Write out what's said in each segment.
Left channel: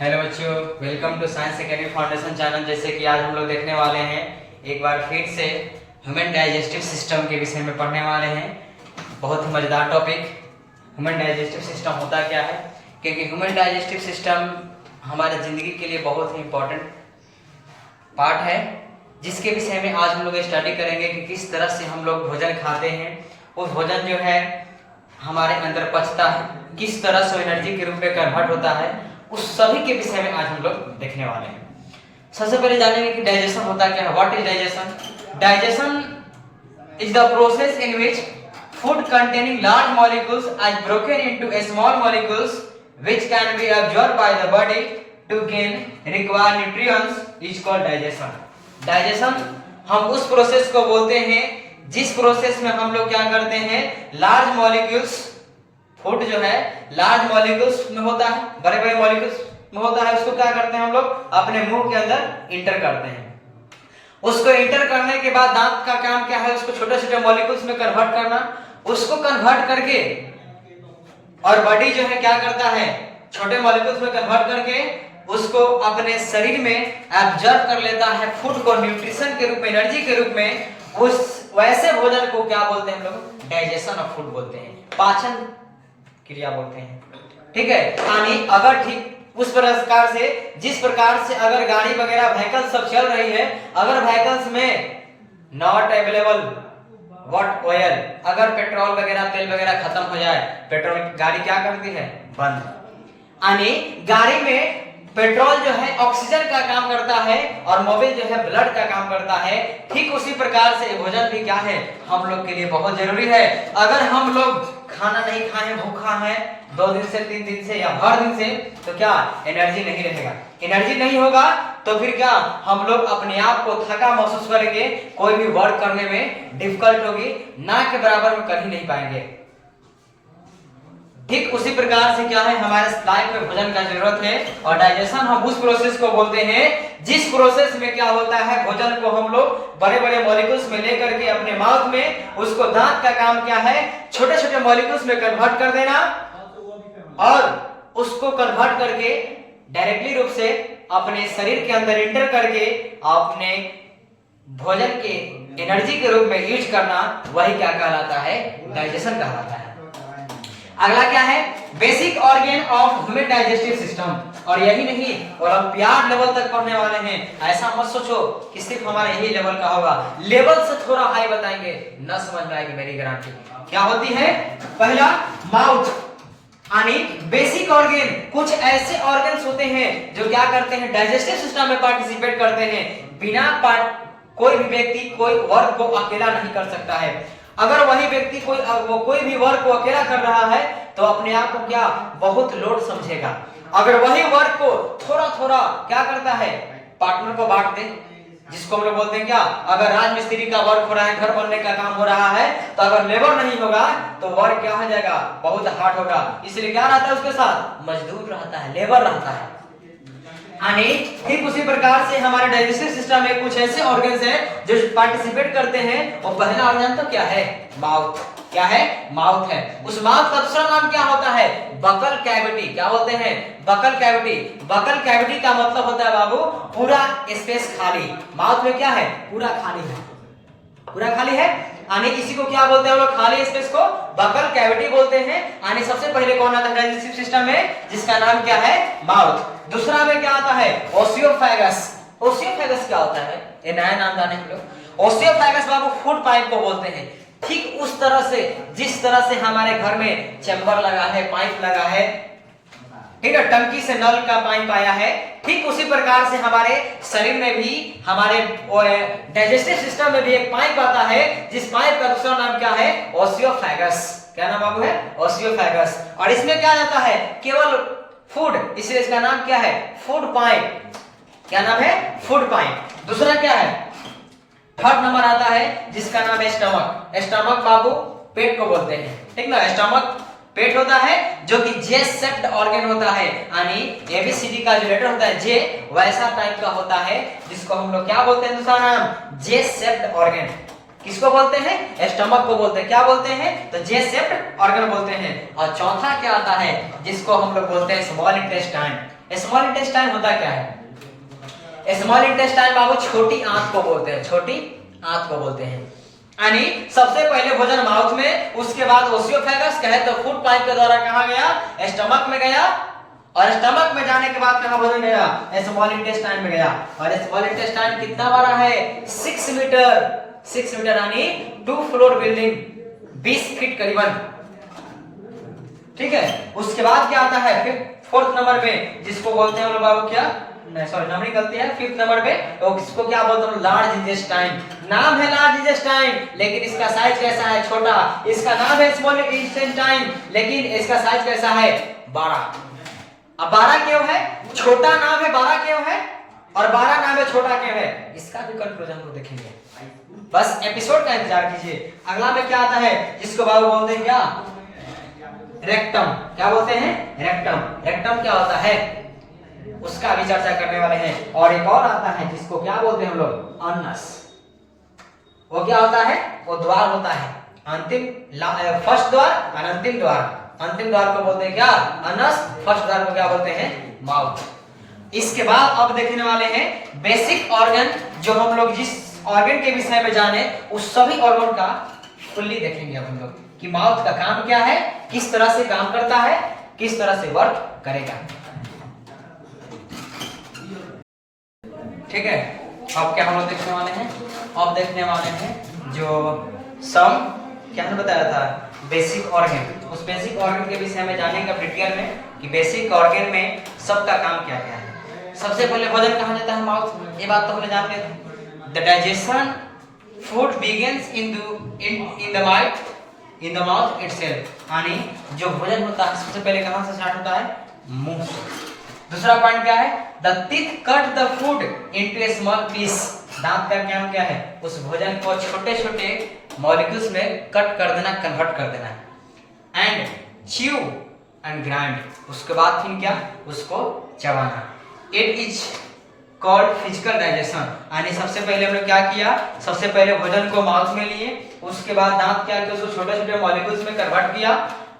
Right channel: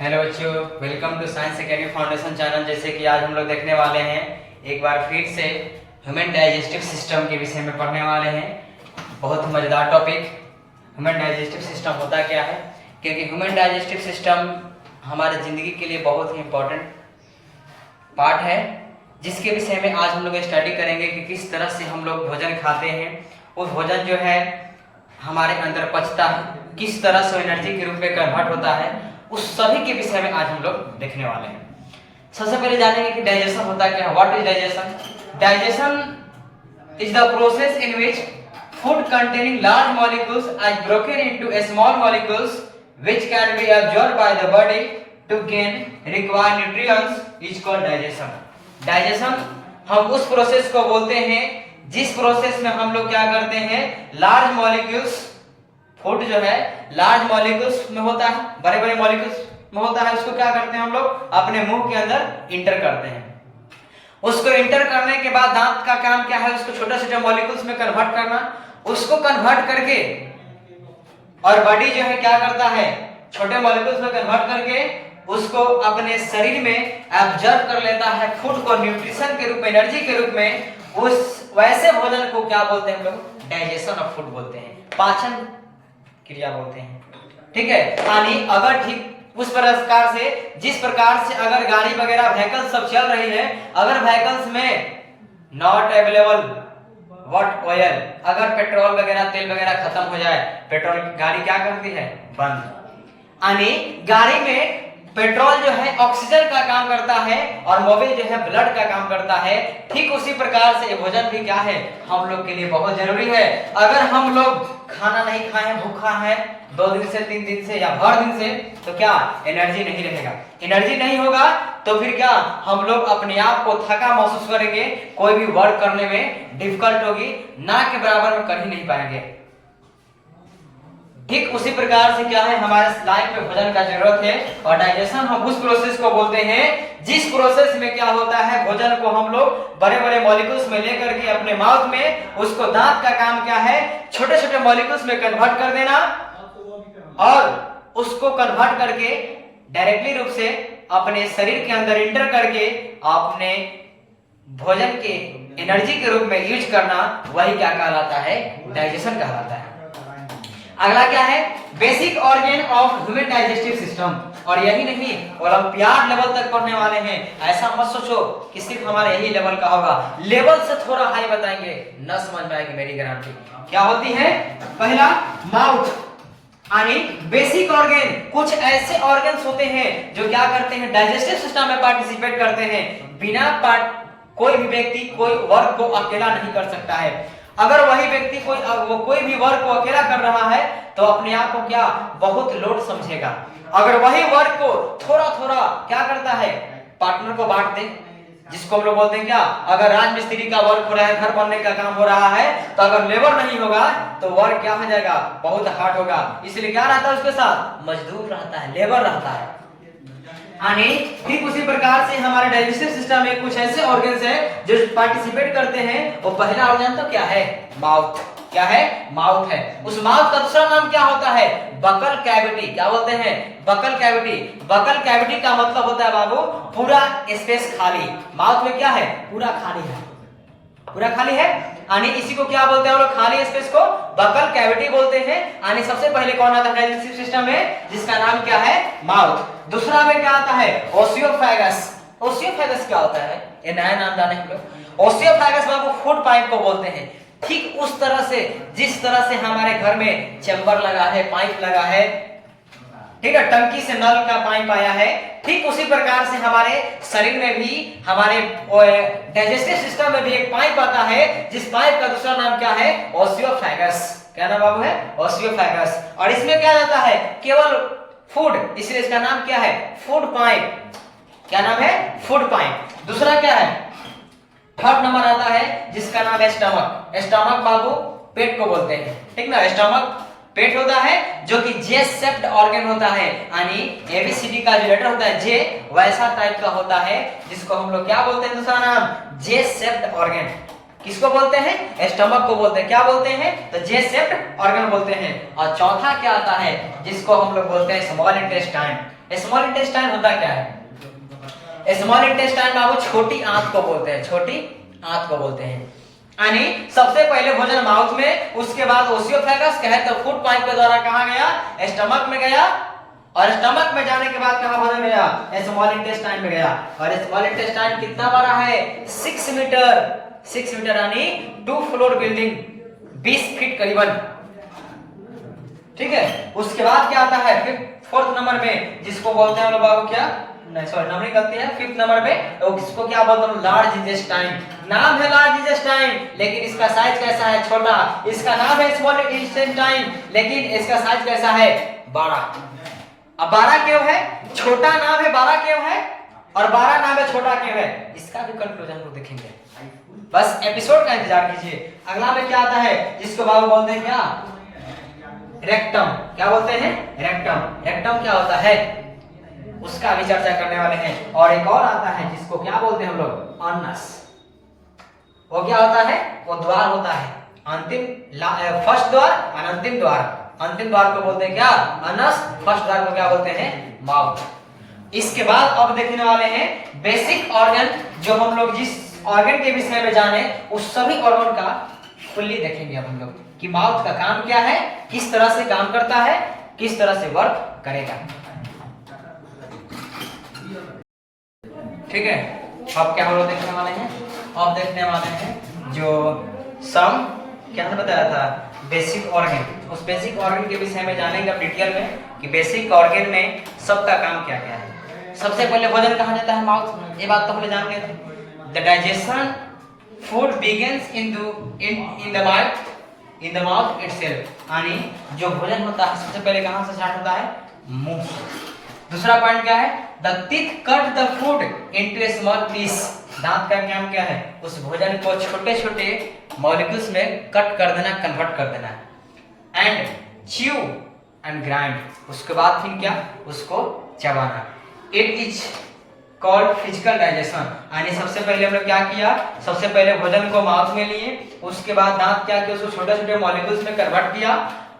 Hello बच्चों, welcome to science academy foundation channel. जैसे कि आज हम लोग देखने वाले हैं एक बार फिर से ह्यूमन डाइजेस्टिव सिस्टम के विषय में पढ़ने वाले हैं। बहुत ही मज़ेदार टॉपिक। ह्यूमन डाइजेस्टिव सिस्टम होता क्या है, क्योंकि ह्यूमन डाइजेस्टिव सिस्टम हमारे ज़िंदगी के लिए बहुत ही इम्पोर्टेंट पार्ट है, जिसके विषय में आज हम लोग स्टडी करेंगे कि किस तरह से हम लोग भोजन खाते हैं। वो भोजन जो है हमारे अंदर पचता है, किस तरह से एनर्जी के रूप में कन्वर्ट होता है, उस सभी के विषय में आज हम लोग देखने वाले हैं। सबसे पहले जानेंगे कि डाइजेशन होता क्या है। What is digestion? Digestion is the process in which food containing large molecules are broken into small molecules which can be absorbed by the body to gain required nutrients is called digestion. Digestion हम उस process को बोलते हैं जिस process में हम लोग क्या करते हैं, लार्ज मॉलिक्यूल्स, फूड जो है लार्ज मॉलिक्यूल्स में होता है, बड़े बड़े मॉलिक्यूल्स में होता है, उसको क्या करते हैं हम लोग अपने मुंह के अंदर इंटर करते हैं। उसको इंटर करने के बाद दांत का काम क्या है, उसको छोटे छोटे मॉलिक्यूल्स में कन्वर्ट करना। उसको कन्वर्ट करके और बॉडी जो है क्या करता है, छोटे मॉलिक्यूल्स में कन्वर्ट करके उसको अपने शरीर में एब्जॉर्ब कर लेता है फूड को न्यूट्रिशन के रूप में, एनर्जी के रूप में। उस वैसे भोजन को क्या बोलते हैं हम लोग, डाइजेशन ऑफ फूड बोलते हैं, पाचन क्रिया बोलते हैं। ठीक है, यानी अगर ठीक उस प्रकार से जिस प्रकार से अगर गाड़ी वगैरह व्हीकल्स सब चल रही है, अगर व्हीकल्स में नॉट अवेलेबल व्हाट ऑयल, अगर पेट्रोल वगैरह तेल वगैरह खत्म हो जाए, पेट्रोल गाड़ी क्या करती है, बंद। यानी गाड़ी में पेट्रोल जो है ऑक्सीजन का काम करता है और मोबिल जो है ब्लड का काम करता है। ठीक उसी प्रकार से भोजन भी क्या है, हम लोग के लिए बहुत जरूरी है। अगर हम लोग खाना नहीं खाए, भूखा है 2 दिन से 3 दिन से या भर दिन से, तो क्या एनर्जी नहीं रहेगा। एनर्जी नहीं होगा तो फिर क्या हम लोग अपने आप को थका महसूस करेंगे, कोई भी वर्क करने में डिफिकल्ट होगी, ना के बराबर में कर ही नहीं पाएंगे। ठीक उसी प्रकार से क्या है, हमारे लाइफ में भोजन का जरूरत है। और डाइजेशन हम उस प्रोसेस को बोलते हैं जिस प्रोसेस में क्या होता है, भोजन को हम लोग बड़े बड़े मॉलिक्यूल्स में लेकर के अपने माउथ में, उसको दांत का काम क्या है, छोटे छोटे मॉलिक्यूल्स में कन्वर्ट कर देना और उसको कन्वर्ट करके डायरेक्टली रूप से अपने शरीर के अंदर इंटर करके अपने भोजन के एनर्जी के रूप में यूज करना, वही क्या कहलाता है, डाइजेशन कहलाता है। अगला क्या है, basic organ of human digestive system. और यही नहीं, ओलंपियाड लेवल तक पढ़ने वाले हैं। ऐसा मत सोचो कि सिर्फ हमारा यही लेवल का होगा, लेवल से थोड़ा हाई बताएंगे, न समझ में आएगी मेरी गारंटी। क्या होती है, पहला माउथ, यानी बेसिक ऑर्गन। कुछ ऐसे ऑर्गन्स होते हैं जो क्या करते हैं, डाइजेस्टिव सिस्टम में पार्टिसिपेट करते हैं। बिना कोई भी व्यक्ति कोई वर्क को अकेला नहीं कर सकता है। अगर वही व्यक्ति कोई भी वर्क को अकेला कर रहा है तो अपने आप को क्या बहुत लोड समझेगा। अगर वही वर्क को थोड़ा थोड़ा क्या करता है, पार्टनर को बांट दे, जिसको हम लोग बोलते हैं क्या, अगर राजमिस्त्री का वर्क हो रहा है, घर बनने का काम हो रहा है, तो अगर लेबर नहीं होगा तो वर्क क्या हो जाएगा, बहुत हार्ड होगा। इसलिए क्या रहता है उसके साथ, मजदूर रहता है, लेबर रहता है। यानी ठीक उसी प्रकार से हमारे डाइजेस्टिव सिस्टम में कुछ ऐसे ऑर्गन्स हैं जो पार्टिसिपेट करते हैं। वो पहला ऑर्गन तो क्या है, माउथ। क्या है, माउथ है। उस माउथ का दूसरा नाम क्या होता है, बकल कैविटी। क्या बोलते हैं, बकल कैविटी। बकल कैविटी का मतलब होता है बाबू पूरा स्पेस खाली। माउथ में क्या है, पूरा खाली है, पूरा खाली है। यानी इसी को क्या बोलते हैं हम लोग, खाली स्पेस को बकल कैविटी बोलते हैं। यानी सबसे पहले कौन आता है डाइजेस्टिव सिस्टम में, जिसका नाम क्या है, माउथ। दूसरा में क्या आता है, ओसियोफेगस। ओसियोफेगस क्या होता है, ये नया नाम जाने हम लोग। ओसियोफेगस बाबू फूड पाइप को बोलते हैं। ठीक उस तरह से जिस तरह से हमारे घर में चैम्बर लगा है, पाइप लगा है, ठीक है, टंकी से नल का पाइप आया है, ठीक उसी प्रकार से हमारे शरीर में भी, हमारे डाइजेस्टिव सिस्टम में भी एक पाइप आता है, जिस पाइप का दूसरा नाम क्या है, ओसियोफेगस। क्या नाम बाबू है, ओसियोफेगस। और इसमें क्या जाता है, केवल फूड, इसलिए इसका नाम क्या है, फूड पाइप। क्या नाम है, फूड पाइप। दूसरा क्या है, थर्ड नंबर आता है जिसका नाम है स्टमक। स्टमक बाबू पेट को बोलते हैं, ठीक ना। स्टमक पेट होता है जो कि जे शेप्ड ऑर्गन होता है, यानी एबीसीडी का जो लेटर होता है जे, वैसा टाइप का होता है, जिसको हम लोग क्या बोलते हैं, दूसरा नाम जे शेप्ड ऑर्गन। किसको बोलते हैं? स्टमक को बोलते हैं। क्या बोलते हैं? तो जे शेप्ड ऑर्गन बोलते हैं। और चौथा क्या आता है जिसको हम लोग बोलते हैं स्मॉल इंटेस्टाइन। स्मॉल इंटेस्टाइन होता क्या है? स्मॉल इंटेस्टाइन बाबू छोटी आंत को बोलते हैं, छोटी आंत को बोलते हैं। यानी सबसे पहले भोजन माउथ में, उसके बाद ओसियोफेगस कहे तो फूड पाइप के द्वारा कहां गया? स्टमक में गया, और स्टमक में जाने के बाद कहां भोजन गया? स्मॉल इंटेस्टाइन में गया। और स्मॉल इंटेस्टाइन कितना बड़ा है? 6 मीटर, 6 मीटर यानी 2 फ्लोर बिल्डिंग, 20 फीट करीबन। ठीक है, उसके बाद क्या आता है? फिफ्थ 4th नंबर में जिसको बोलते हैं बाबू क्या, नहीं सॉरी नंबरिंग गलती है, 5th नंबर पे तो इसको क्या बोलते हैं? Large intestine. नाम है लार्ज इंटेस्टाइन, लेकिन इसका साइज कैसा है? छोटा। इसका नाम है स्मॉल इंटेस्टाइन, लेकिन इसका साइज कैसा है? बड़ा। अब 12 क्यों है? छोटा नाम है 12 क्यों है, और 12 नाम है छोटा क्यों है? इसका भी कंक्लूजन हम लोग देखेंगे, बस एपिसोड का इंतजार कीजिए। अगला में क्या आता है जिसको बाबू बोलते हैं? क्या? रेक्टम। क्या बोलते हैं? रेक्टम। रेक्टम क्या होता है उसका भी चर्चा करने वाले हैं। और एक और आता है जिसको क्या बोलते हैं हम लोग? अनस। वो क्या होता है? वो द्वार होता है, अंतिम फर्स्ट द्वार और अंतिम द्वार। अंतिम द्वार को बोलते हैं क्या? अनस। फर्स्ट द्वार को क्या बोलते हैं? माउथ। इसके बाद अब देखने वाले हैं बेसिक ऑर्गन, जो हम लोग जिस ऑर्गन के विषय में जाने उस सभी ऑर्गन का फुल्ली देखेंगे अब हम लोग कि माउथ का काम क्या है, किस तरह से काम करता है, किस तरह से वर्क करेगा। ठीक है, अब क्या हम लोग देखने वाले हैं? अब देखने वाले हैं जो सम क्या हमने बताया था बेसिक ऑर्गन। उस बेसिक ऑर्गन के विषय में जानेंगे डिटेल में कि बेसिक ऑर्गन में सबका काम क्या क्या है। सबसे पहले भोजन कहा जाता है माउथ, ये बात तो हमने जान गए थे। The digestion food begins in the mouth itself, यानी जो भोजन होता है सबसे पहले कहां से स्टार्ट होता है? मुंह से। दूसरा पॉइंट क्या है? The teeth cut the food into a small piece. दांत का काम क्या है? उस भोजन को छोटे छोटे मॉलिक्यूल्स में कट कर देना, कन्वर्ट कर देना। एंड च्यू एंड ग्राइंड, उसके बाद फिर क्या? उसको चबाना। It is called physical digestion, यानी सबसे पहले हमने क्या किया? सबसे पहले भोजन को माउथ में लिए, उसके बाद दांत क्या किया? उसको छोटे छोटे मॉलिक्यूल्स में कन्वर्ट किया।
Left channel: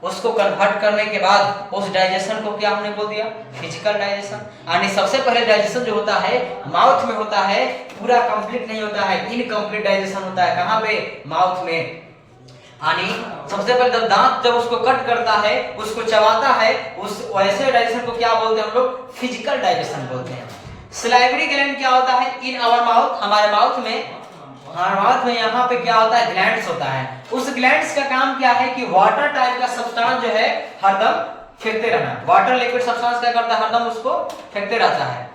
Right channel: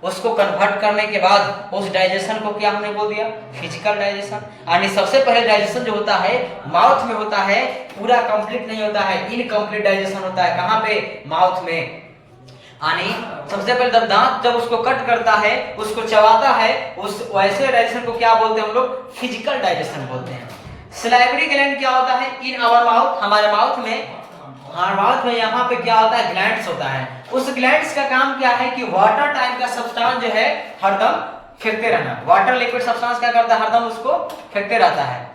उसको कन्वर्ट करने के बाद उस डाइजेशन को क्या हमने बोल दिया? Physical digestion. यानी सबसे पहले डाइजेशन जो होता है माउथ में होता है, पूरा कंप्लीट नहीं होता है, इनकम्प्लीट डाइजेशन होता है। कहां पे? माउथ में। यानी सबसे पहले जब दांत जब उसको कट करता है, उसको चबाता है, उस वैसे डाइजेशन को क्या बोलते हैं हम लोग? फिजिकल डाइजेशन बोलते हैं। सलाइवरी ग्लैंड क्या होता है? इन आवर माउथ, हमारे माउथ में, माउथ में यहाँ पे क्या होता है? ग्लैंड्स होता है। उस ग्लैंड्स का काम क्या है कि वाटर टाइप का सब्सटेंस जो है हरदम फेंकते रहना। वाटर लिक्विड सब्सटेंस क्या करता है? हरदम उसको फेंकते रहता है।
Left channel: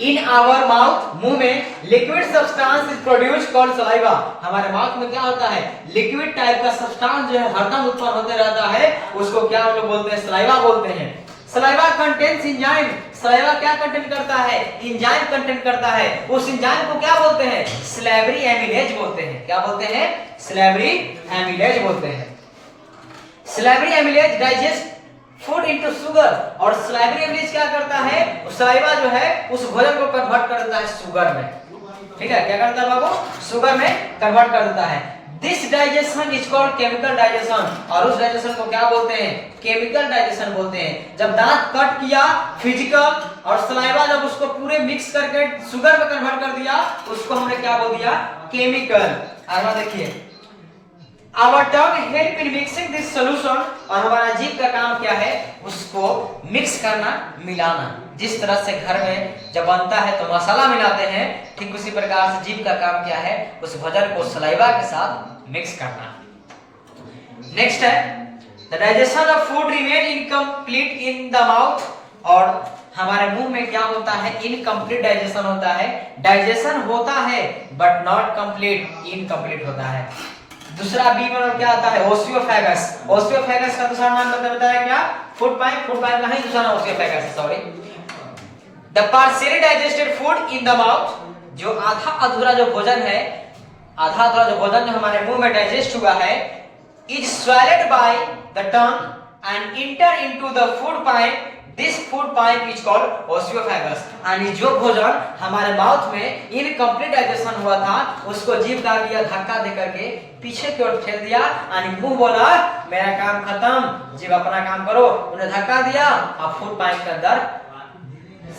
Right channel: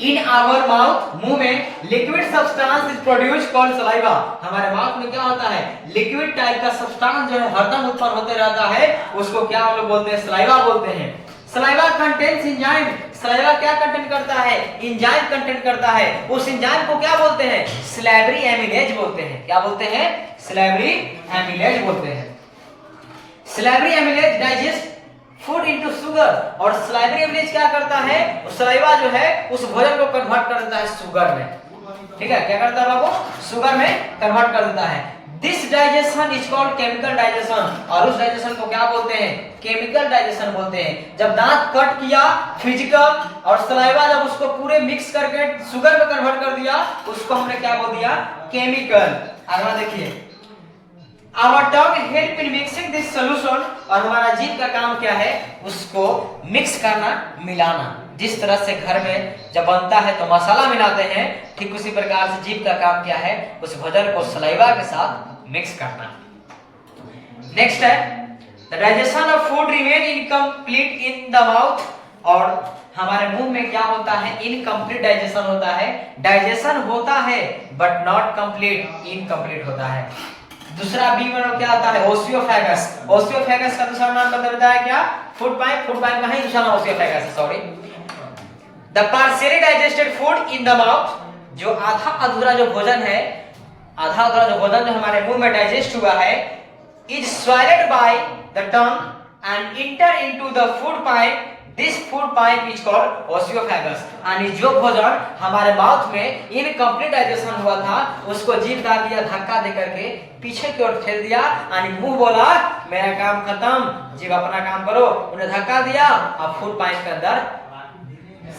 इन आवर माउथ, मुंह में liquid substance is produce called saliva. हमारे माउथ में क्या होता है? लिक्विड टाइप का सब्सटेंस जो है हरदम उत्पन्न होते रहता है, उसको क्या हम लोग बोलते हैं? सलाइवा बोलते हैं। Saliva contains enzyme. सलाइवा क्या कंटेंट करता है? एंजाइम कंटेंट करता है। उस एंजाइम को क्या बोलते हैं? सलाइवरी एमिलेज बोलते हैं। क्या बोलते हैं? सलाइवरी एमिलेज बोलते हैं। Salivary amylase digest food into sugar. और सलाइवरी एमिलेज क्या करता है? सलाइवा जो है उस भोजन को कन्वर्ट कर देता है शुगर में। ठीक है, क्या करता है बाबू? शुगर में कन्वर्ट कर देता है। This digestion is called chemical digestion. और उस डाइजेशन को क्या बोलते हैं? केमिकल डाइजेशन बोलते हैं। जब दांत कट किया फिजिकल, और सलाइवा जब उसको पूरे मिक्स करके शुगर में कन्वर्ट कर दिया, उसको हमने क्या बोल दिया? केमिकल। अगला देखिए, our tongue help in mixing this solution. और हमारा जीभ का काम क्या है? उसको मिक्स करना, मिलाना। जिस तरह से घर में जब बनता है तो मसाला मिलाते हैं, ठीक उसी प्रकार से जीभ का काम क्या है? उस भोजन को सलाइवा के साथ मिक्स करना। नेक्स्ट है the digestion of food remain incomplete in the mouth. और हमारे मुंह में क्या होता है? इनकम्प्लीट डाइजेशन होता है। डाइजेशन होता है बट नॉट कंप्लीट, इनकम्प्लीट होता है। दूसरा बी में क्या आता है? ओसियोफेगस। ओसियोफेगस का दूसरा नाम बताया क्या? Food pipe. फूड पाइप का ही दूसरा नाम ओसियोफेगस है, sorry. The partially digested food in the mouth, जो आधा अधूरा जो भोजन है, आधा अधूरा जो भोजन जो हमारे मुंह में डाइजेस्ट हुआ है, is swallowed by the tongue and enter into the food pipe this food pipe is called oesophagus. यानी जो भोजन हमारे माउथ में इनकम्प्लीट डाइजेशन हुआ था उसको जीभ डाल दिया धक्का दे करके पीछे की ओर ठेल दिया, यानी मुंह बोला मेरा काम खत्म, जीभ अपना काम करो, उन्हें धक्का दिया और फूड पाइप के अंदर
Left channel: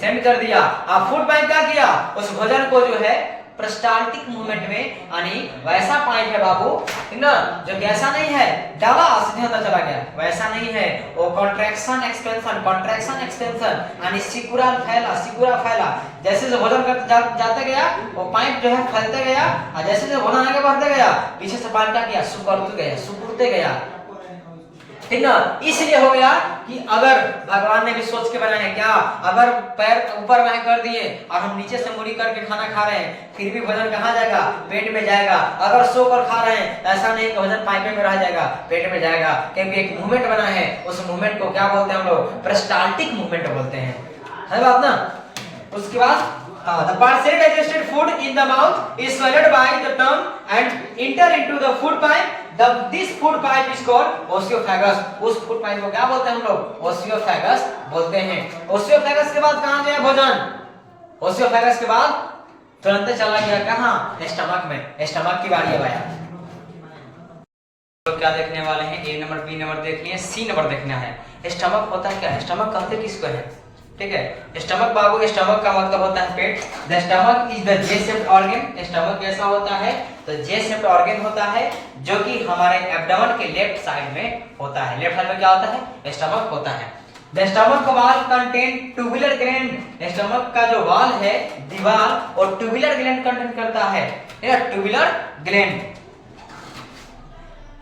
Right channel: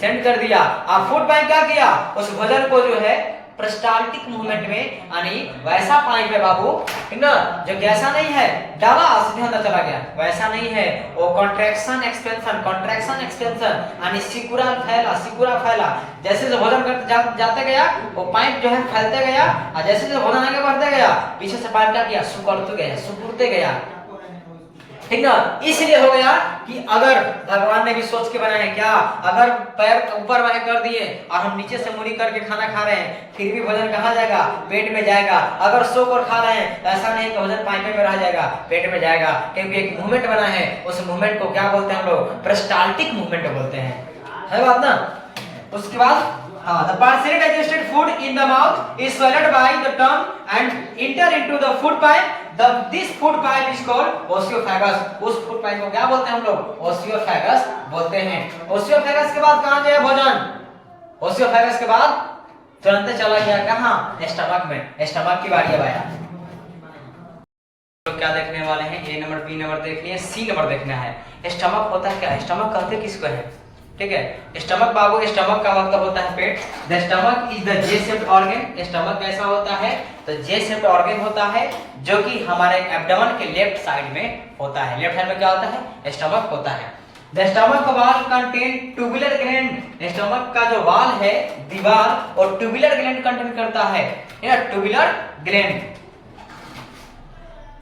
सेंड कर दिया। अब फूड पाइप क्या किया, उस भोजन को जो है पेरिस्टाल्टिक मूवमेंट में, यानी वैसा पाइप है बाबू, ठीक ना, जो जैसा नहीं है डाला सीधे अंदर चला गया, वैसा नहीं है, वो कॉन्ट्रैक्शन एक्सपेंशन, यानी सिकुड़ा फैला, जैसे जो भोजन जाते गया वो पाइप जो है फैलते गया, और जैसे जो भोजन आगे बढ़ते गया पीछे से पाइप क्या किया, सिकुड़ते गया, ठीक ना। इसलिए हो गया कि अगर भगवान ने भी सोच के बनाया है क्या, अगर पैर ऊपर बाएं कर दिए और हम नीचे से मुड़ी करके खाना खा रहे हैं फिर भी भोजन कहाँ जाएगा, पेट में जाएगा। अगर सो कर खा रहे हैं ऐसा नहीं कि भोजन पाइप में रह जाएगा, पेट में जाएगा, क्योंकि एक मूवमेंट बना है, उस मूवमेंट को क्या बोलते हैं हम लोग, पेरिस्टाल्टिक मूवमेंट बोलते हैं, है बात ना। उसके बाद the partially digested food in the mouth is swallowed by the tongue and enter into the food pipe. This food pipe is called oesophagus. उस food pipe को क्या बोलते हैं हम लोग, oesophagus बोलते हैं। oesophagus के बाद कहाँ गया भोजन, oesophagus के बाद तुरंत चला गया कहाँ, स्टमक में। स्टमक की बारी है भाई, तो क्या देखने वाले हैं, ए नंबर, बी नंबर देखिए, सी नंबर देखना है। स्टमक होता है क्या, स्टमक कहते किसको है, ठीक है। स्टमक बाबू, स्टमक का मतलब होता है पेट। The stomach is the J shaped organ. Stomach कैसा होता है, तो जे शेप्ड ऑर्गन होता है जो कि हमारे एब्डोमेन के लेफ्ट साइड में होता है। लेफ्ट साइड में क्या होता है, स्टमक होता है। The stomach wall contain tubular gland. Stomach का जो वॉल है, दीवार, और ट्यूबुलर ग्लैंड कंटेन करता है, tubular gland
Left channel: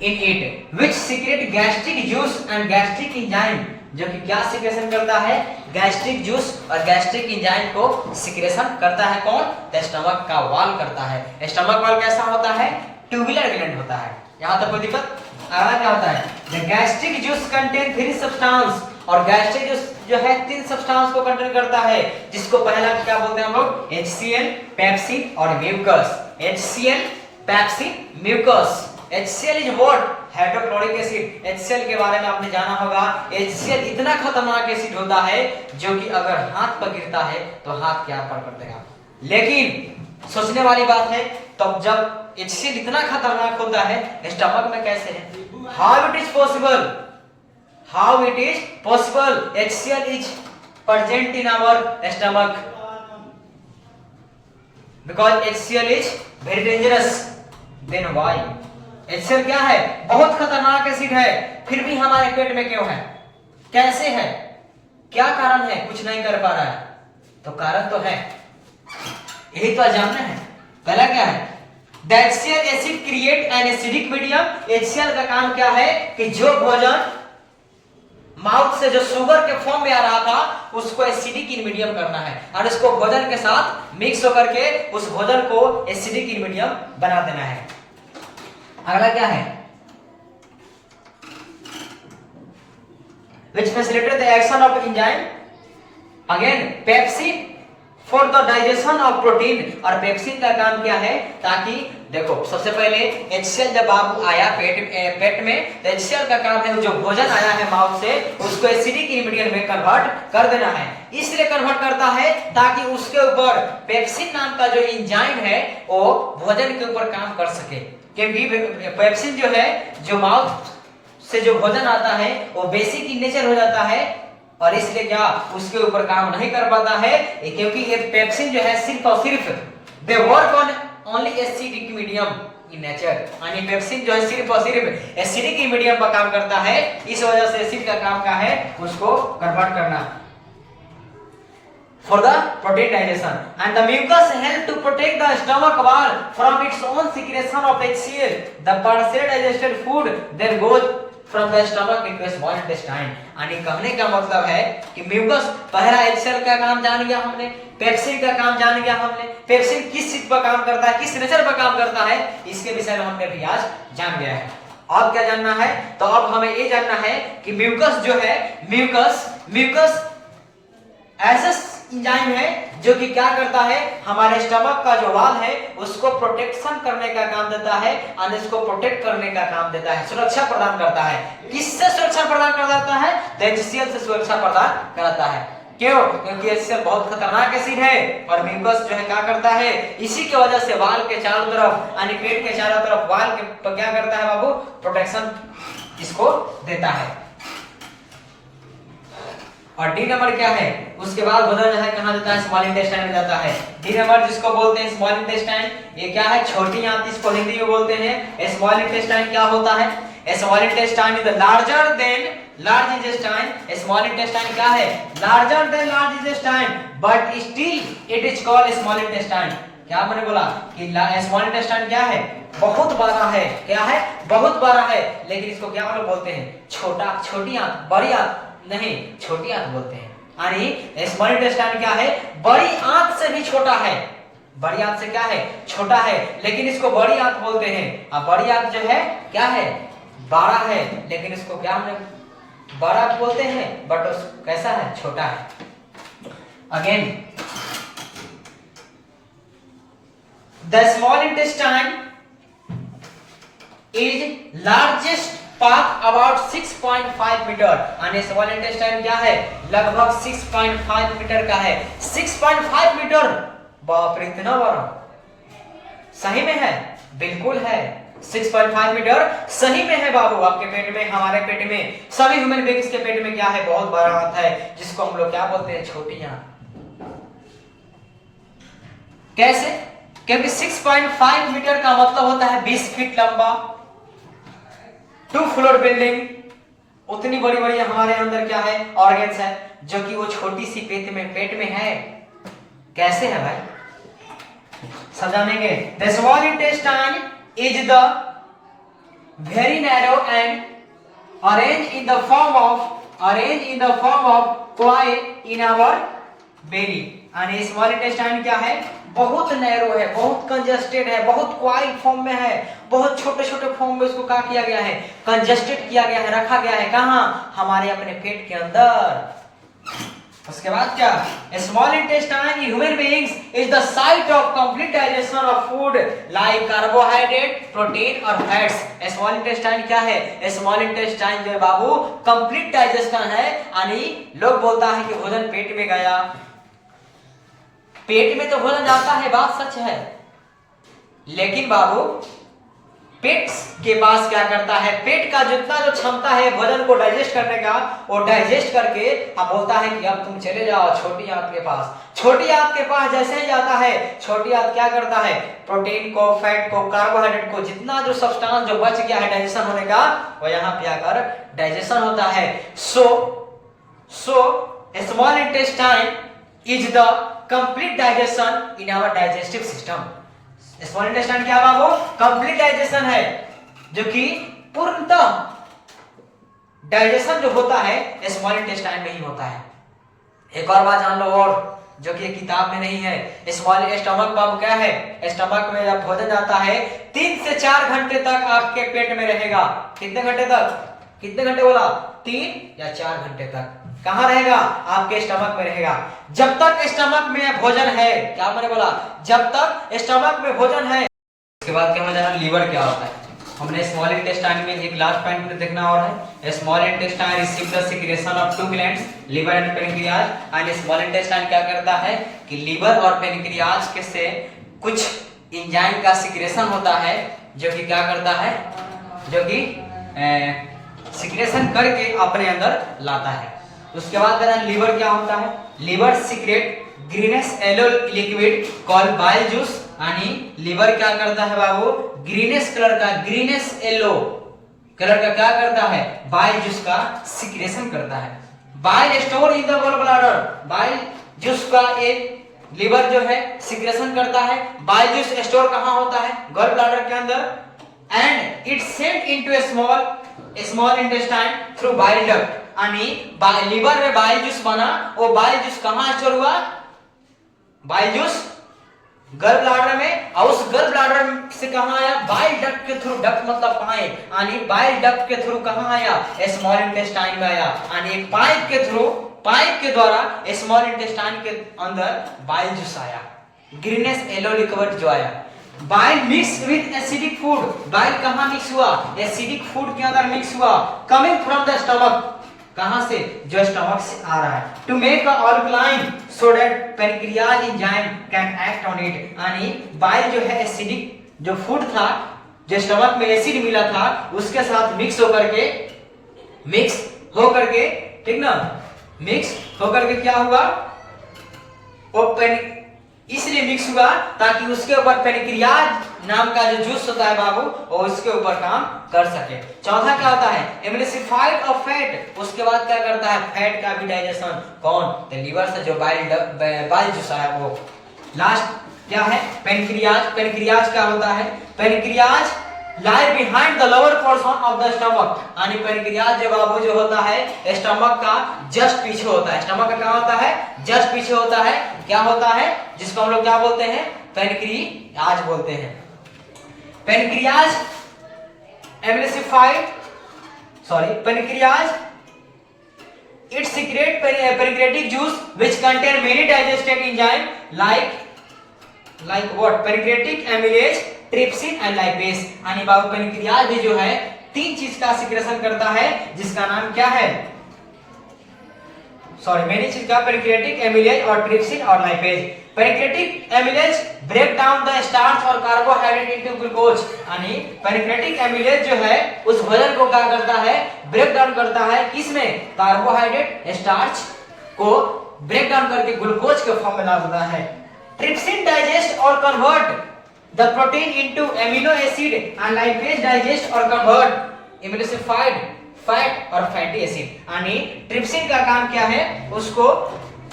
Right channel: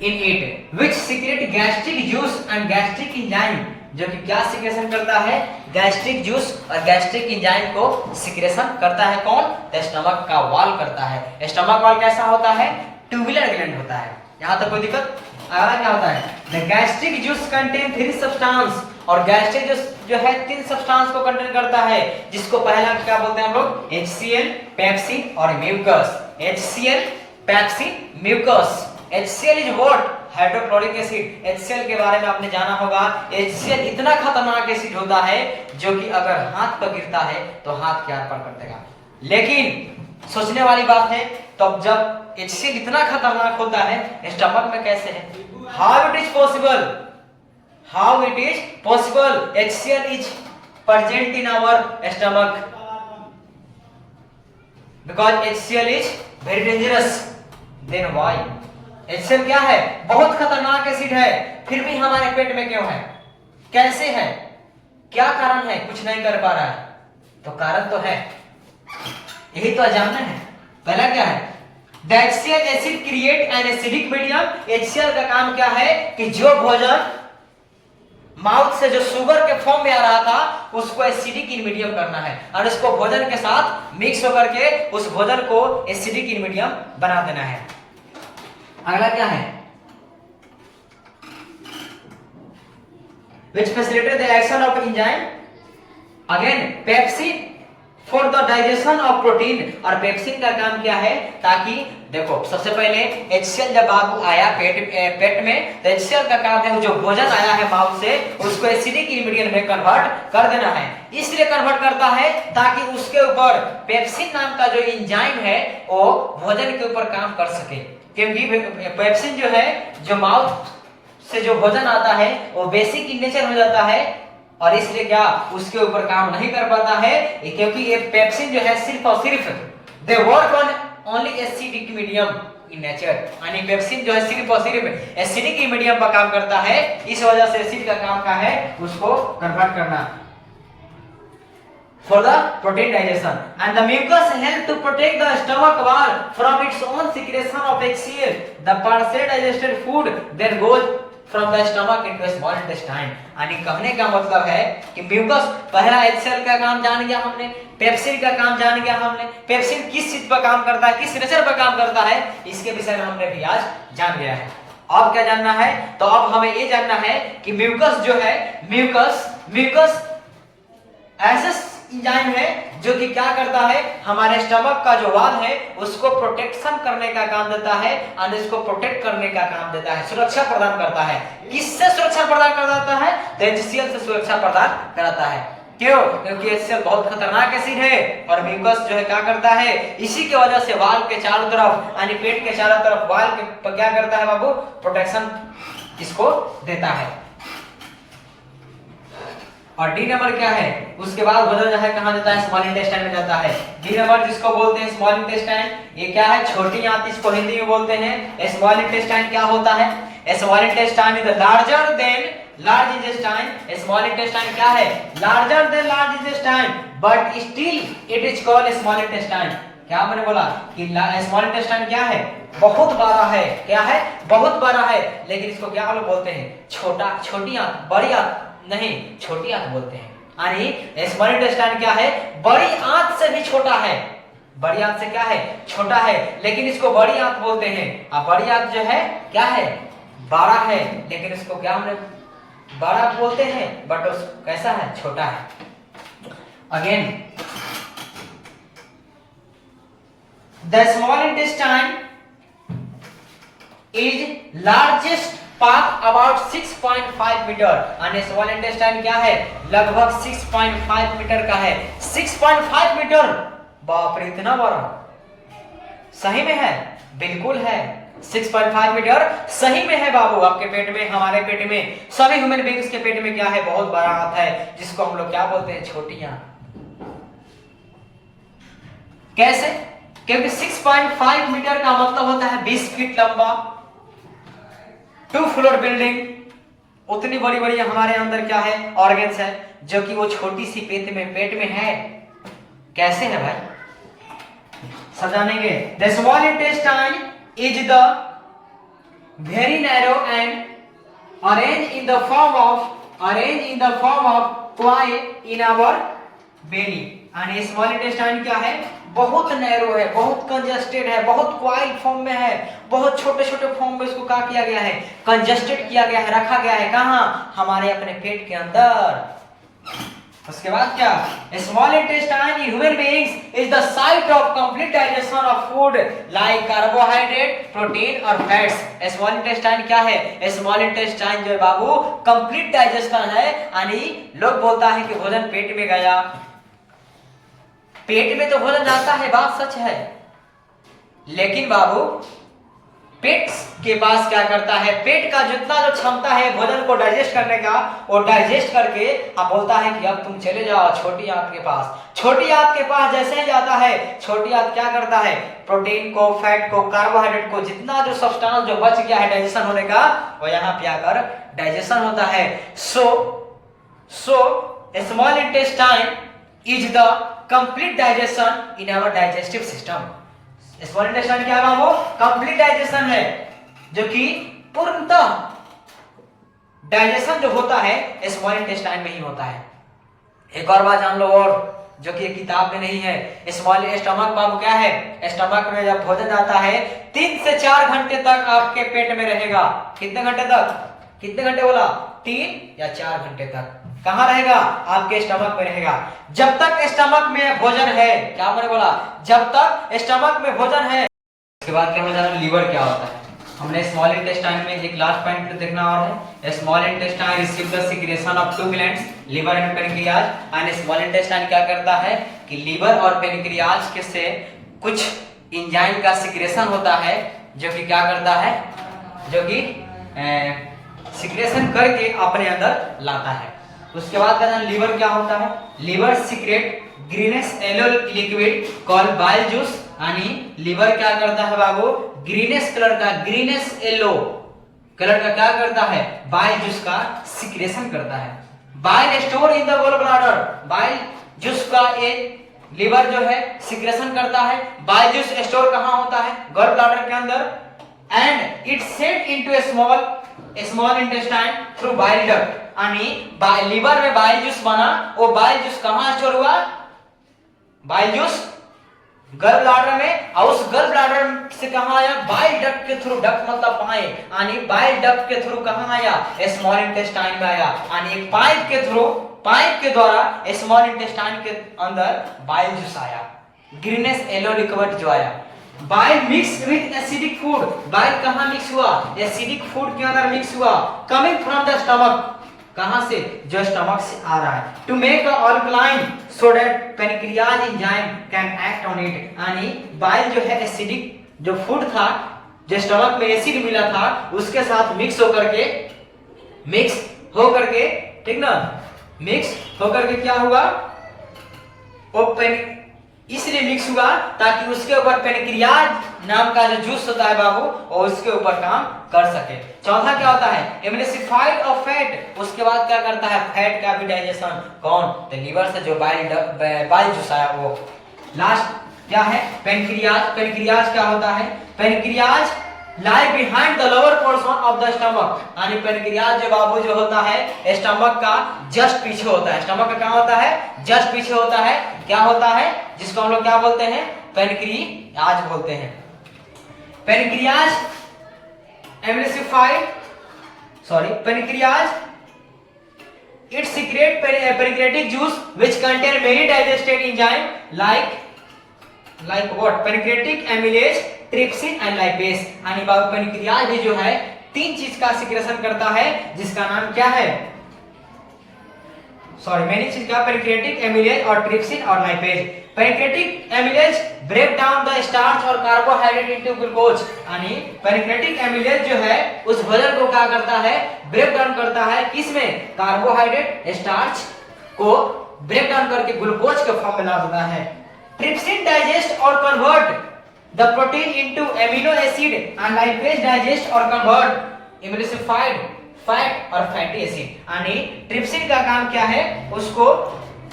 in it which secrete gastric juice and gastric enzyme, जो कि क्या सिक्रेशन करता है, गैस्ट्रिक जूस और गैस्ट्रिक एंजाइम को सिक्रेशन करता है कौन, स्टमक का वॉल करता है। स्टमक वॉल कैसा होता है, ट्यूबुलर ग्लैंड होता है। यहाँ तक कोई दिक्कत, आगे क्या होता है, the gastric juice contain 3 substance, और गैस्ट्रिक जूस जो है 3 सब्सटेंस को कंटेन करता है, जिसको पहला क्या बोलते हैं हम लोग, HCl, पेप्सिन और mucus. HCl, pepsin, mucus. HCl is what, hydrochloric acid. HCl के बारे में आपने जाना होगा, HCl इतना खतरनाक एसिड होता है जो कि अगर हाथ पर गिरता है तो हाथ के आर पार कर देगा। लेकिन सोचने वाली बात है, तब जब HCl इतना खतरनाक होता है स्टमक में कैसे है, how it is possible, HCl is present in our stomach because HCl is very dangerous. Then why, HCl क्या है, बहुत खतरनाक एसिड है, फिर भी हमारे पेट में क्यों है, कैसे है, क्या कारण है, कुछ नहीं कर पा रहा है, तो कारण तो है, यही तो जानना है। पहला क्या है, the HCl acid create an acidic medium. HCl का काम क्या है कि जो भोजन माउथ से जो शुगर के फॉर्म में आ रहा था उसको एसिडिक इन मीडियम करना है, और इसको भोजन के साथ मिक्स होकर के उस भोजन को एसिडिक इन मीडियम बना देना है। अगला क्या है, which facilitate the action of enzyme, again pepsin for the digestion of protein। और पेप्सिन का काम क्या है, ताकि देखो सबसे पहले HCl जब बाबू आया पेट में, तो HCl का काम है जो भोजन आया है माउथ से उसको एसिडिक इंग्रेडिएंट में कन्वर्ट कर देना है। इसलिए कन्वर्ट करता है ताकि उसके ऊपर पेप्सिन नाम का जो एंजाइम है वो भोजन के ऊपर काम कर सके, क्योंकि पेप्सिन जो है जो माउथ से जो भोजन आता है वो बेसिक इन नेचर हो जाता है, और इसलिए क्या उसके ऊपर काम नहीं कर पाता है, क्योंकि ये पेप्सिन जो है सिर्फ और सिर्फ they work on only acidic medium in nature, यानी पेप्सिन जो है सिर्फ और सिर्फ एसिडिक मीडियम पर काम करता है। इस वजह से एसिड का काम क्या है, उसको कन्वर्ट करना for the protein digestion, and the mucus help to protect the stomach wall from its own secretion of HCl. The partially digested food then goes from the stomach into small intestine। यानी कहने का मतलब है कि mucus, पहला HCl का काम जान गया हमने, पेप्सिन का काम जान गया हमने, पेप्सिन किस चीज पर काम करता है, किस नेचर पर काम करता है, इसके विषय में हमने भी आज जान गया है। अब क्या जानना है, तो अब हमें ये जानना है कि म्यूकस जो है, म्यूकस एज एंजाइम है जो कि क्या करता है, हमारे स्टमक का जो वाल है उसको प्रोटेक्शन करने का काम देता है और इसको प्रोटेक्ट करने का काम देता है, सुरक्षा प्रदान करता है। किससे सुरक्षा प्रदान करता है? तो HCl से सुरक्षा प्रदान कराता है। क्यों? क्योंकि HCl बहुत खतरनाक एसिड है और म्यूकस जो है क्या करता है, इसी की वजह से वाल के चारों तरफ यानी पेट के चारों तरफ वाल के पर क्या करता है बाबू, प्रोटेक्शन इसको देता है। और डी नंबर क्या है, उसके बाद भोजन जो है कहां जाता है, स्मॉल इंटेस्टाइन में जाता है। डी नंबर जिसको बोलते हैं स्मॉल इंटेस्टाइन, ये क्या है, छोटी आंत इसको हिंदी में बोलते हैं। स्मॉल इंटेस्टाइन क्या होता है, small intestine is larger than large intestine. Small intestine क्या है, larger than large intestine but still it is called small intestine. क्या मैंने बोला कि स्मॉल इंटेस्टाइन क्या है, बहुत बड़ा है। क्या है, बहुत बड़ा है, लेकिन इसको क्या लोग बोलते हैं, छोटा, छोटी आंत, बड़ी आंत नहीं, छोटी आंत बोलते हैं। यानी स्मॉल इंटेस्टाइन क्या है, बड़ी आंत से भी छोटा है। बड़ी आंत से क्या है, छोटा है, लेकिन इसको बड़ी आंत बोलते हैं। अब बड़ी आंत जो है क्या है, बड़ा है, लेकिन इसको क्या हमने बड़ा बोलते हैं, बट उस कैसा है, छोटा है। Again the small intestine is largest part about 6.5 metre. यानी स्मॉल इंटेस्टाइन क्या है, लगभग 6.5 मीटर का है। 6.5 मीटर, बाप रे इतना बड़ा, सही में है, बिल्कुल है। 6.5 मीटर सही में है बाबू, आपके पेट में, हमारे पेट में, सभी ह्यूमन बीइंग्स के पेट में क्या है, बहुत बड़ा आंत है, जिसको हम लोग क्या बोलते हैं, छोटी आंत। कैसे? क्योंकि 6.5 मीटर का मतलब होता है 20 फीट लंबा, 2 फ्लोर बिल्डिंग। उतनी बड़ी बड़ी हमारे अंदर क्या है, ऑर्गन्स है, जो कि वो छोटी सी पेट में है। कैसे है भाई, समझानेंगे। The small intestine is the very narrow and arrange in the form of coil in our belly. यानी स्मॉल इंटेस्टाइन क्या है, बहुत नैरो है, बहुत कंजस्टेड है, बहुत क्वाइल फॉर्म में है, बहुत छोटे छोटे फॉर्म में इसको क्या किया गया है, कंजस्टेड किया गया है, रखा गया है। कहां, हमारे अपने पेट के अंदर। उसके बाद क्या, small intestine in human beings is the site of complete digestion of food like carbohydrate, protein और फैट्स। स्मॉल इंटेस्टाइन क्या है, स्मॉल इंटेस्टाइन जो है बाबू कंप्लीट डाइजेशन है। यानी लोग बोलता है कि भोजन पेट में गया, पेट में तो भोजन जाता है, बात सच है, लेकिन बाबू पेट के पास क्या करता है, पेट का जितना जो क्षमता है भोजन को डाइजेस्ट करने का, वो डाइजेस्ट करके अब बोलता है कि अब तुम चले जाओ छोटी आंत के पास। छोटी आंत के पास जैसे ही जाता है, छोटी आंत क्या करता है, प्रोटीन को, फैट को, कार्बोहाइड्रेट को, जितना जो सब्सटेंस जो बच गया है डाइजेशन होने का, वो यहाँ पे आकर डाइजेशन होता है। So small intestine is the complete digestion in our digestive system. Small intestine क्या है वो, कंप्लीट डाइजेशन है, जो कि पूर्णतः डाइजेशन जो होता है स्मॉल इंटेस्टाइन में ही होता है। एक और बात जान लो, और जो कि किताब में नहीं है, स्मॉल स्टमक बाबू क्या है, स्टमक में जब भोजन जाता है 3 से 4 घंटे तक आपके पेट में रहेगा। कितने घंटे तक, कितने घंटे बोला, 3 या 4 घंटे तक कहां रहेगा, आपके स्टमक में रहेगा। जब तक स्टमक में भोजन है, क्या मैंने बोला, जब तक स्टमक में भोजन है। उसके बाद क्या जाना, लीवर क्या होता है। हमने स्मॉल इंटेस्टाइन में एक लास्ट पॉइंट देखना और है, small intestine receive the secretion of 2 glands, liver and pancreas. And small intestine क्या करता है कि लिवर और पेनक्रियाज के से कुछ एंजाइम का सिक्रेशन होता है, जो कि क्या करता है, जो कि सिक्रेशन करके अपने अंदर लाता है। उसके बाद कहते लीवर क्या होता है, liver secret greenish yellow liquid called bile juice. यानी लीवर क्या करता है बाबू, ग्रीनिश कलर का, ग्रीनिश येलो कलर का क्या करता है, बाइल जूस का सिक्रेशन करता है। Bile store in the gall bladder, bile juice का एक लीवर जो है सिक्रेशन करता है। बाइल जूस स्टोर कहां होता है, गॉल ब्लैडर के अंदर। And it sent into a small intestine through bile duct. यानी लीवर में बाइल जूस बना, वो बाइल जूस कहां स्टोर हुआ, बाइल जूस गल ब्लैडर में, और उस गल ब्लैडर से कहां आया, बाइल डक्ट के थ्रू, डक्ट मतलब पाइप, यानी बाइल डक्ट के थ्रू कहां आया, स्मॉल इंटेस्टाइन में आया। यानी एक पाइप के थ्रू पाइप के द्वारा स्मॉल इंटेस्टाइन के अंदर बाइल जूस आया, ग्रीनिश येलो लिक्विड जो आया। Bile mix with acidic food, bile कहाँ मिक्स हुआ? एसिडिक फूड के अंदर मिक्स हुआ, कमिंग फ्रॉम द स्टमक, कहां से? जो स्टमक से आ रहा है। To make a alkaline so that pancreas enzyme can act on it, यानी बाइल जो है एसिडिक जो फूड था, जो स्टमक में एसिड मिला था उसके साथ मिक्स होकर के ठीक ना, मिक्स होकर के क्या हुआ? ओपन इसलिए मिक्स हुआ ताकि उसके ऊपर पैनक्रियाज नाम का जो जूस होता है बाबू, और उसके ऊपर काम कर सके। चौथा क्या होता है? एमल्सिफाइड ऑफ फैट, उसके बाद क्या करता है? फैट का भी डाइजेशन। कौन? तो लीवर से जो बाइल जूस आया वो। लास्ट क्या है? पैनक्रियाज। पैनक्रियाज क्या होता है? Pancreas lie behind the lower portion of the stomach, यानी पैनक्रियाज जो बाबू जो होता है स्टमक का जस्ट पीछे होता है। स्टमक का क्या होता है? जस्ट पीछे होता है। क्या होता है? जिसको हम लोग क्या बोलते हैं? पैनक्रियाज बोलते हैं। Pancreas emulsified pancreas it secrete pancreatic juice which contain many digested enzyme like what? Pancreatic amylase, trypsin and lipase। यानी बाबू पैनक्रियाज भी जो है 3 चीज का सिक्रेशन करता है, जिसका नाम क्या है? मेनी चीज का, पैनक्रियाटिक एमिलेज और ट्रिप्सिन और lipase. Pancreatic amylase break down the starch और कार्बोहाइड्रेट इनटू ग्लूकोज, यानी पैनक्रियाटिक एमिलेज जो है उस भोजन को क्या करता है? ब्रेक डाउन करता है। किसमें? कार्बोहाइड्रेट स्टार्च को ब्रेक डाउन करके ग्लूकोज के फॉर्म में ला देता है। ट्रिप्सिन डाइजेस्ट और convert the protein into amino acid and lipase digest और कन्वर्ट एमल्सिफाइड फैट और फैटी एसिड। यानी ट्रिप्सिन का काम क्या है? उसको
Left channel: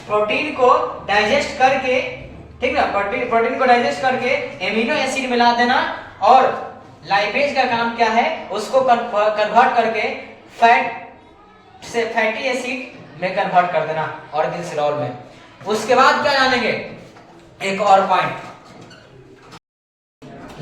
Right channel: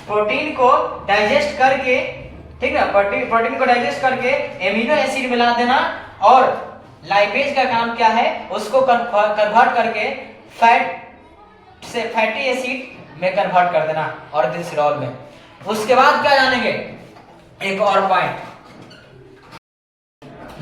प्रोटीन को डाइजेस्ट करके, ठीक ना, प्रोटीन को डाइजेस्ट करके एमिनो एसिड मिला देना, और लाइपेज का काम क्या है? उसको कन्वर्ट करके फैट से फैटी एसिड में कन्वर्ट कर देना और ग्लिसरॉल में। उसके बाद क्या जानेंगे? एक और पॉइंट,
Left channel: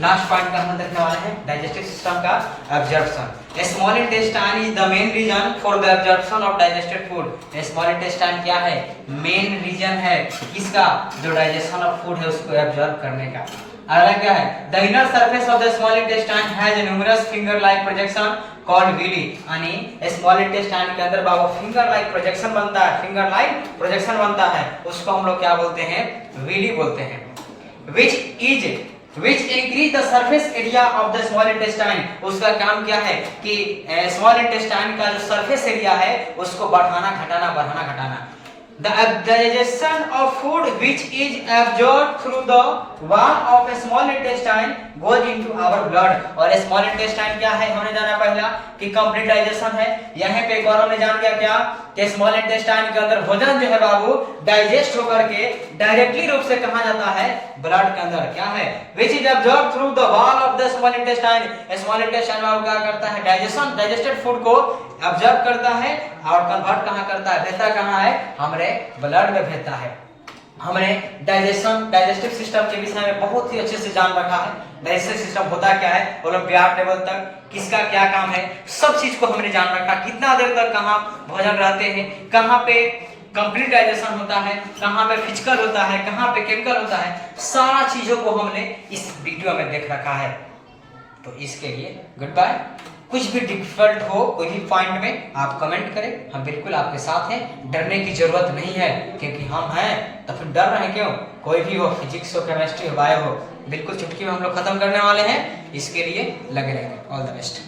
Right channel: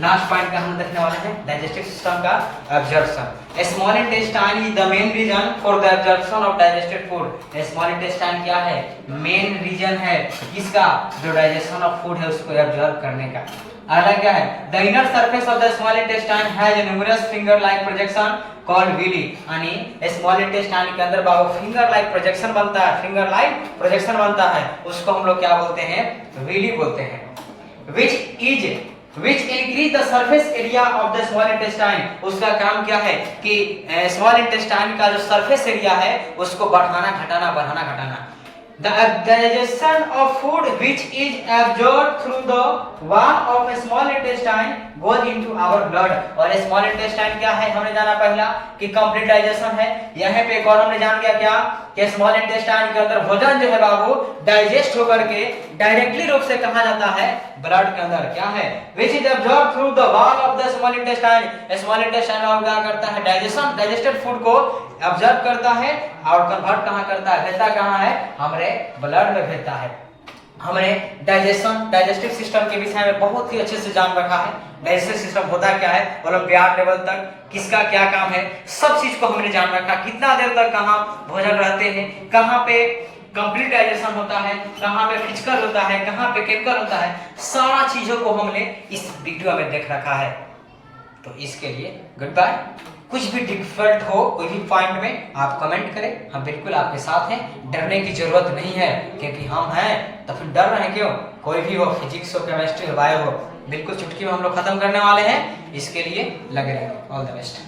लास्ट पॉइंट का हम देखने वाले हैं, डाइजेस्टिव सिस्टम का absorption. Small intestine is the main region for the absorption of digested food. Small intestine क्या है? मेन रीजन है किसका? जो डाइजेशन ऑफ फूड है उसको एब्जॉर्ब करने का। अगला क्या है? The inner surface of the small intestine has numerous finger like projection called villi, यानी स्मॉल इंटेस्टाइन के अंदर बाबू फिंगर लाइक प्रोजेक्शन बनता है, फिंगर लाइक प्रोजेक्शन बनता है, उसको हम लोग क्या बोलते हैं? विली बोलते हैं। which increase the surface area of the small intestine। उसका काम क्या है कि स्मॉल इंटेस्टाइन का जो सरफेस एरिया है उसको बढ़ाना घटाना। The digestion of food which is absorbed through the wall of a small intestine goes into our blood। और स्मॉल इंटेस्टाइन क्या है? हमने जाना पहला कि कंप्लीट डाइजेशन है। यहाँ पे एक और हमने जान गया क्या कि स्मॉल इंटेस्टाइन के अंदर भोजन जो है बाबू डाइजेस्ट होकर के डायरेक्टली रूप से कहा जाता है? ब्लड के अंदर। क्या है? which is absorbed through the wall of the small intestine। Small intestine बाबू क्या करता है? डाइजेस्टेड फूड को ऑब्जर्व करता है और कन्वर्ट कहां करता है? भेजता कहां है? हमारे ब्लड में भेजता है। हमने डाइजेस्टिव सिस्टम के विषय में बहुत ही अच्छे से जान रखा है। डाइजेस्टिव सिस्टम होता क्या है, ओलंपियाड लेवल तक किसका क्या काम है, सब चीज को हमने जान रखा। कितना देर तक कहाँ भोजन रहते हैं, कहाँ पे कंप्लीट डाइजेशन होता है, कहाँ पे फिजिकल होता है, कहाँ पे केमिकल होता है, सारा चीजों को हमने इस वीडियो में देख रखा है। तो इसके लिए गुड बाय। कुछ भी डिफिकल्ट हो कोई भी पॉइंट में आप कमेंट करें, हम बिल्कुल आपके साथ हैं। डरने की जरूरत नहीं है, क्योंकि हम हैं तो फिर डर रहे क्यों? कोई भी हो, फिजिक्स हो, केमिस्ट्री हो, बायो हो, बिल्कुल चुटकी में हम लोग खत्म करने वाले हैं। इसके लिए लगे रहेंगे। All the best.